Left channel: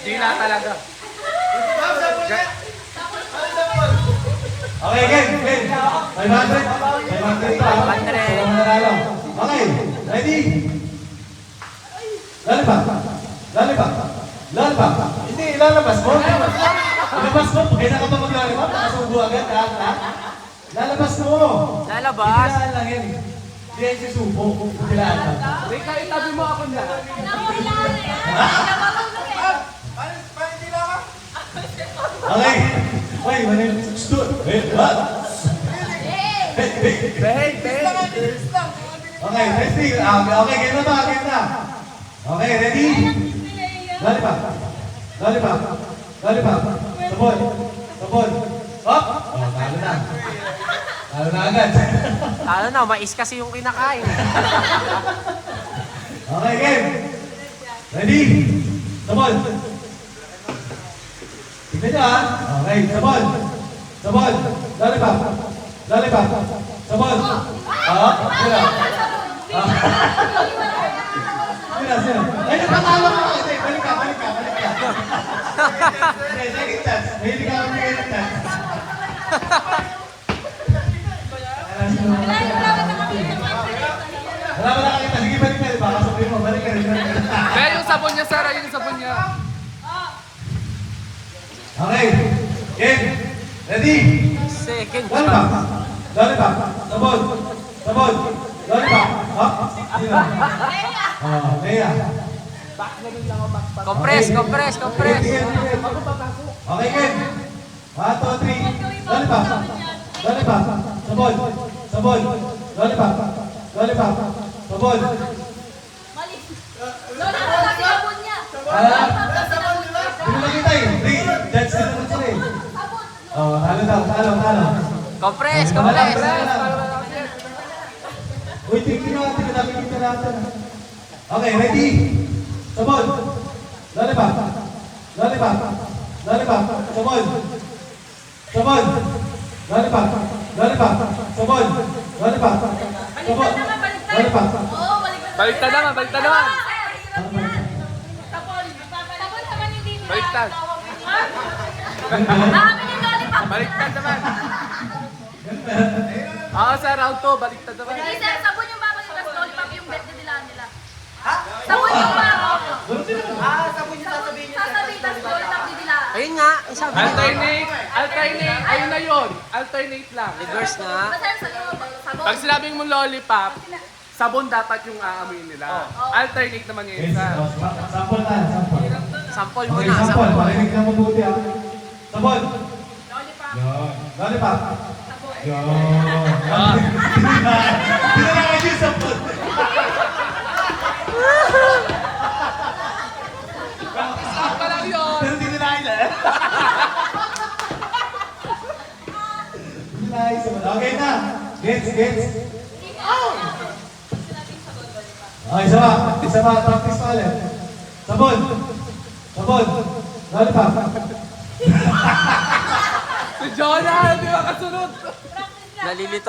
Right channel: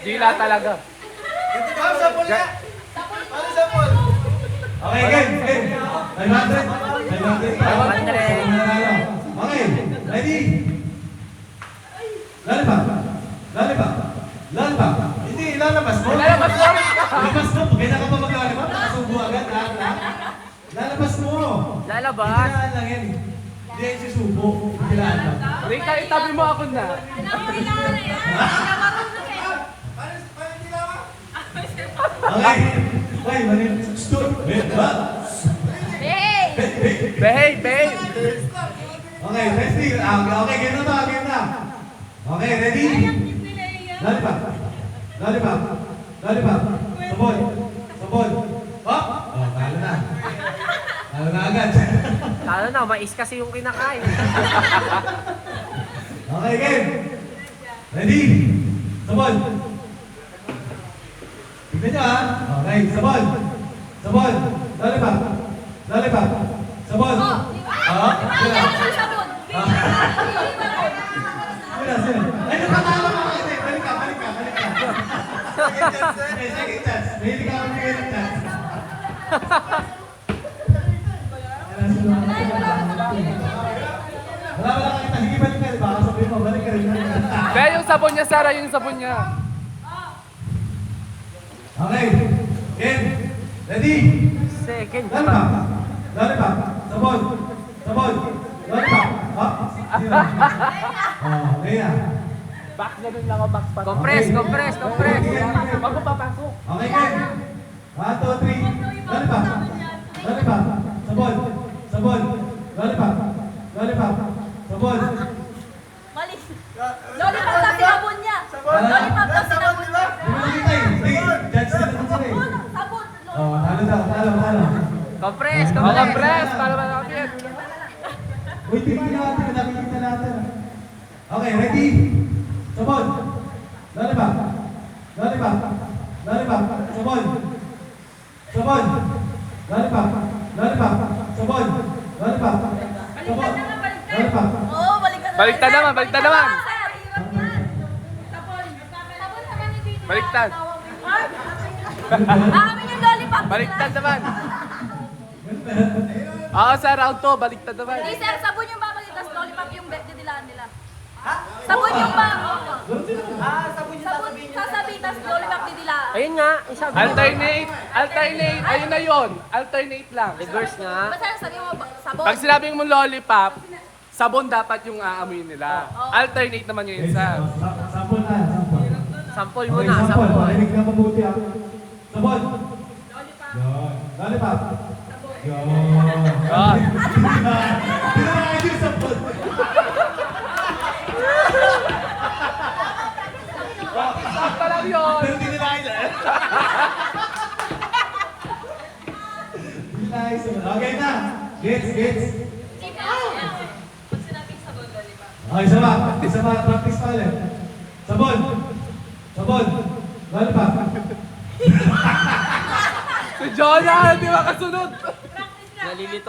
Dila talaga. Okay, game. 500. 500. Okay, ready? Lalabas. Hindi, lalabas mo. Lalabas mo. Kailangan ka maglalabas. Nakasubo agad. Lalabas mo. Lalabas. Kailangan lang yun. Hindi ay susubo. Kailangan. Rika, itabi mo ako na. Okay. Wait, stop. Behave. Okay, ready? Okay, game na to. Game na. Okay, ready? Lollipop. Sabon. Up. Oh, talo na. Talo na agad. Talo na, mais kasi yung kinakain. Okay, game. Ready? Sabon. Tignan nyo ha. Okay, sabon. Lollipop. Sabon. Sino? Sino? Ay, nakatalo ka kasi. Balik ka. Okay, second chance. Mahilig ka kami second chance. Wala ka nakakita. Sige, balik ka. Baka sabihin mo, balik ka. Kaya yung sabon niya, Sarah, yung sabon niya. Okay, game. Ready? Second Lollipop. chance. Sabon. Lollipop. Up. Sino? Leia. Compress. Okay, game. 1, 2, 3. Lollipop. Sabon. Lollipop. Sabon. Hindi mo nakita eh. Hindi. Judge na naman sila eh. Oh, talo. Compress. Uy, tingnan natin. Okay, ready? Sabon. Lollipop. Sabon. Lollipop. Sabon. Lollipop. Baliktad naman. Baliktad. Baliktad naman. Sa round to, baliktad naman. Sabon yung bako yung lollipop yung birthday nila. Ha? Sabon yung bako. Sabon yung sasabihin niyo sa Sasabihin tas lollipop nila. Ayun nga, yung sabi nila. Alternate. Ano na yun? Alternate lang. Reverse nga. Basta sabi mo sabon. Pag sinabing mo lollipop, sabon dapat yung aamoy nila. Alternate naman yung isa. Sample na. Sample mo na, sample. Mahilig na mabuti ah. Sabon. Lollipop. Yun. Hindi na kayo yung sabon. Stop pa lang yun. Pero hindi na kayo eh. Nice. Okay na. Gets. Okay, isa pa. Practice pa ulit. Sabon. Lollipop. Si Jonah, di ba kasunod? Nalilito.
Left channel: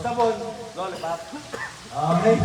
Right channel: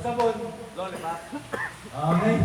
Sabon. Lollipop. Okay.